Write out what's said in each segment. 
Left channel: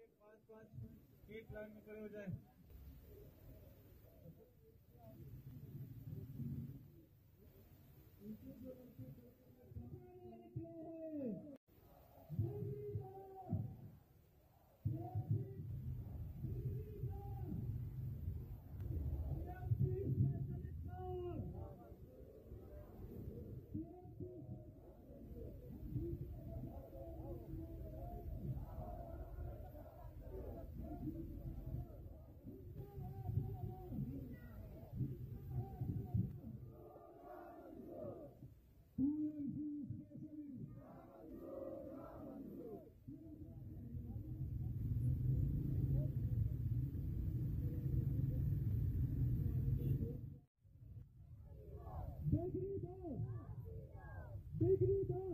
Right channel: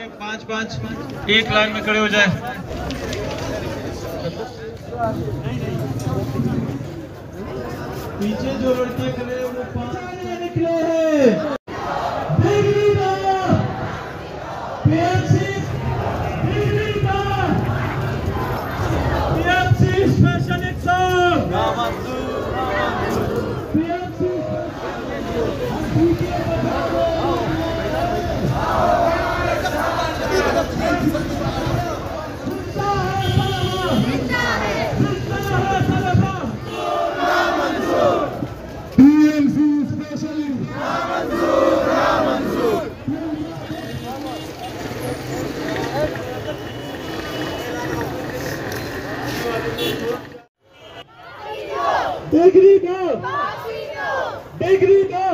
के 5-5 एक लाइन में खड़े हो जाए। पीछे जो लड़के खड़े वो 5 निकले हैं। Special exam Degree go! Degree go!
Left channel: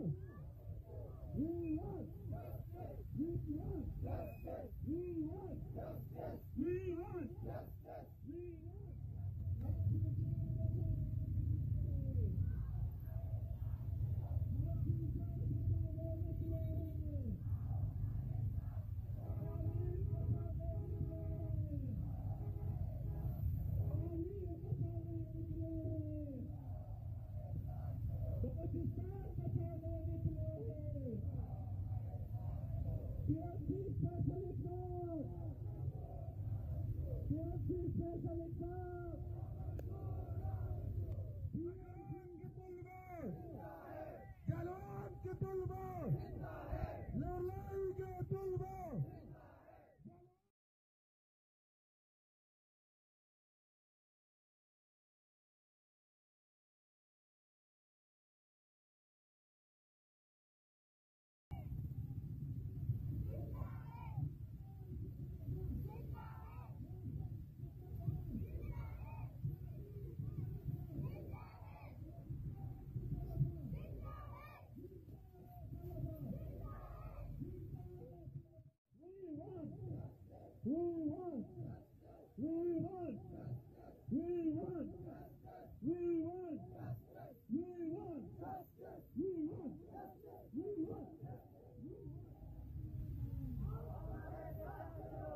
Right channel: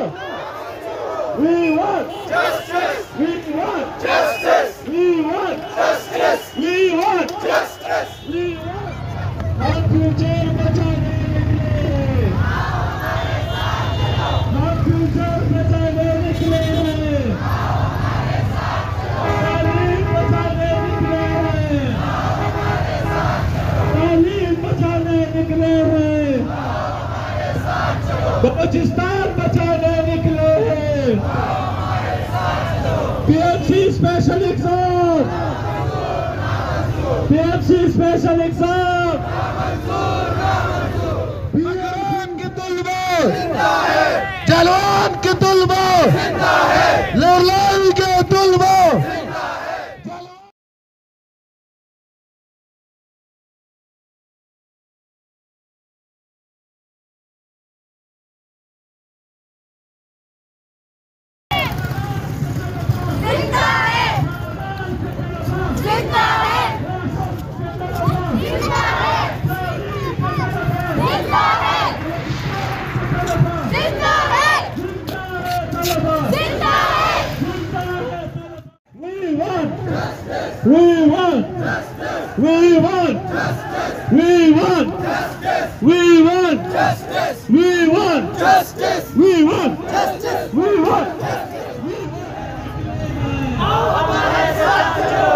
We want justice! We want justice! We want justice! We want justice! We want हम फ्यूचर बचाने निकले, हम फ्यूचर बचाने निकले हैं, तालीम बचाने निकले हैं, तालीम बचाने निकले हैं, बलूचिस्तान बचाने निकले हैं। PMC special exam, PMC special exam, जवान के तुल्बो जवान के तुल्बो लड़ाई के तुल्बो We want justice. We want justice. We want justice. We want justice. We want justice. We want justice. We want justice. आओ हमारे साथ चलो।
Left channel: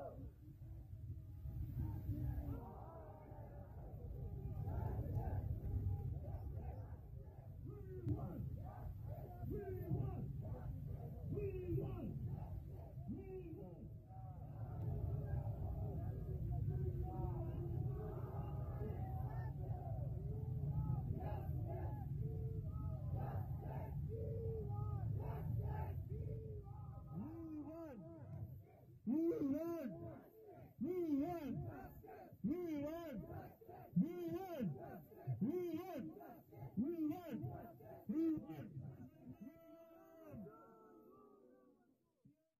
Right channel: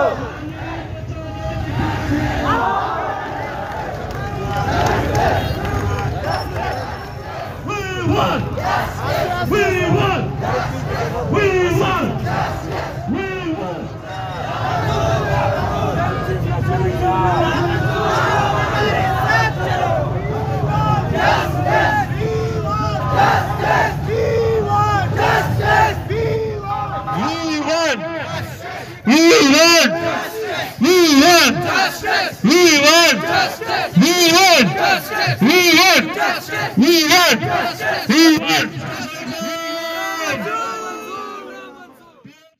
We want justice. We want justice. We want justice. We want. We want